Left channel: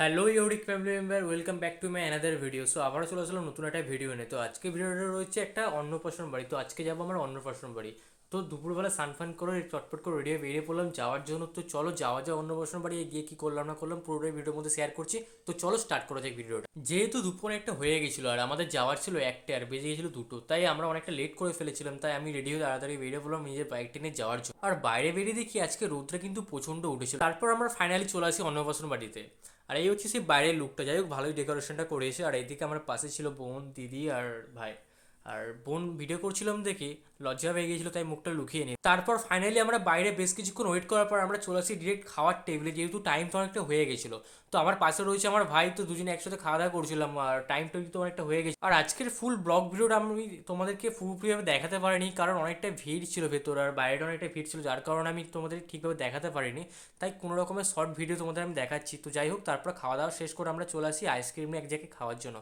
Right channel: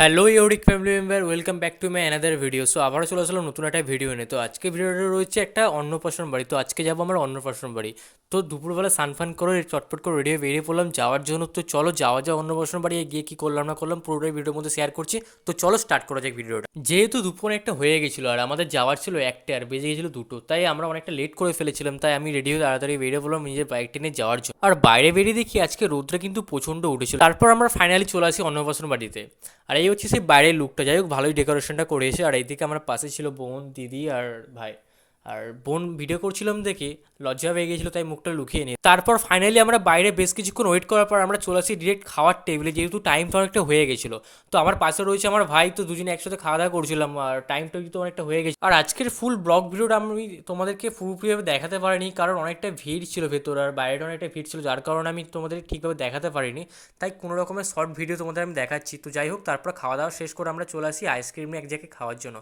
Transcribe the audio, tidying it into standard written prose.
Hello uric family member, welcome back to my another video. So আবারও চলে আসলাম নতুন একটা ভিডিও নিয়ে। তো আজকে ভিডিওটা রয়েছে একটা অন্নপ্রাশন বাড়ি। তো আজকে যাবো আমরা অন্নপ্রাশন বাড়ি। তো দুপুরবেলা স্নান করে চটপট করে রেডি হয়ে বেরিয়ে পড়লাম যাওয়ার জন্য। তো চলো যাওয়া যাও অন্নপ্রাশন বাড়ি গিয়ে কী করলাম না করলাম পুরোটাই ভিডিওর মধ্যে শেয়ার করছি। তো চলো স্টার্ট করা যাক ভিডিওটা। যেহেতু দুপুর একটা হয়ে গেছিলো আর আমাদের যাওয়ার ছিল একটা আর বেজে গেছিলো দুটো, তাই আমরা অনেকটা লেট করে ফেলেছিলাম। তাই আমি রেডি হয়ে তাড়াতাড়ি বেরিয়ে পড়লাম নিজের বাইকটা নিয়ে যাওয়ার জন্য। আর বাইরে বেরিয়ে দেখি আজকে রোদটা কিন্তু প্রচণ্ড উঠেছিল। তারপর আমরা ফাইনালি চলে আসি অন্নপ্রাশন বাড়িতে। আর এই হচ্ছে সেই বাইরের লুকটা। যাই হোক, ভালোই ডেকোরেশনটা করেছে। আর এইদিকে আমার পাশে ছিল বোন, দিদি আর ভাই। আর বোন ভিডিও করছিলাম দেখে লজ্জা পেয়ে গিয়েছিল, তাই মুখটা লুকিয়ে নিই। তারপর ফাইনালি আমরা বাইরে বেশ কিছুক্ষণ ওয়েট করার পর আমরা চলে আসি ডিরেক্ট খাওয়ার টেবিলে, যেহেতু টাইমটা অনেকটা হয়ে গেছিলো। তো আমার পাশে রয়েছে আমার ভাই, তো দুজনে একসাথে খাওয়া দাওয়া করছিলাম আর টাইমটা কিন্তু অনেকটা হয়ে গেছে। আর আজকের ফুল ব্লগ ভিডিওটা আমি তোমাদেরকে পুরোপুরিভাবে দেখাতে পারিনি, কারণ অনেকটা ভিড় ছিল ভেতর আর বাইরেটা অনেকটা ভিড় ছিল, যার কারণে আমি তোমাদের ঠিকভাবে দেখাতে পারিনি। তাই কোনো রকমের শর্ট ভিডিও তোমাদের আমি দেখাচ্ছি। তো যাই হোক, তারপর খাওয়া দাওয়া শেষ করে আমরা চলে আসি আইসক্রিম এক জায়গায় খাওয়ার জন্য।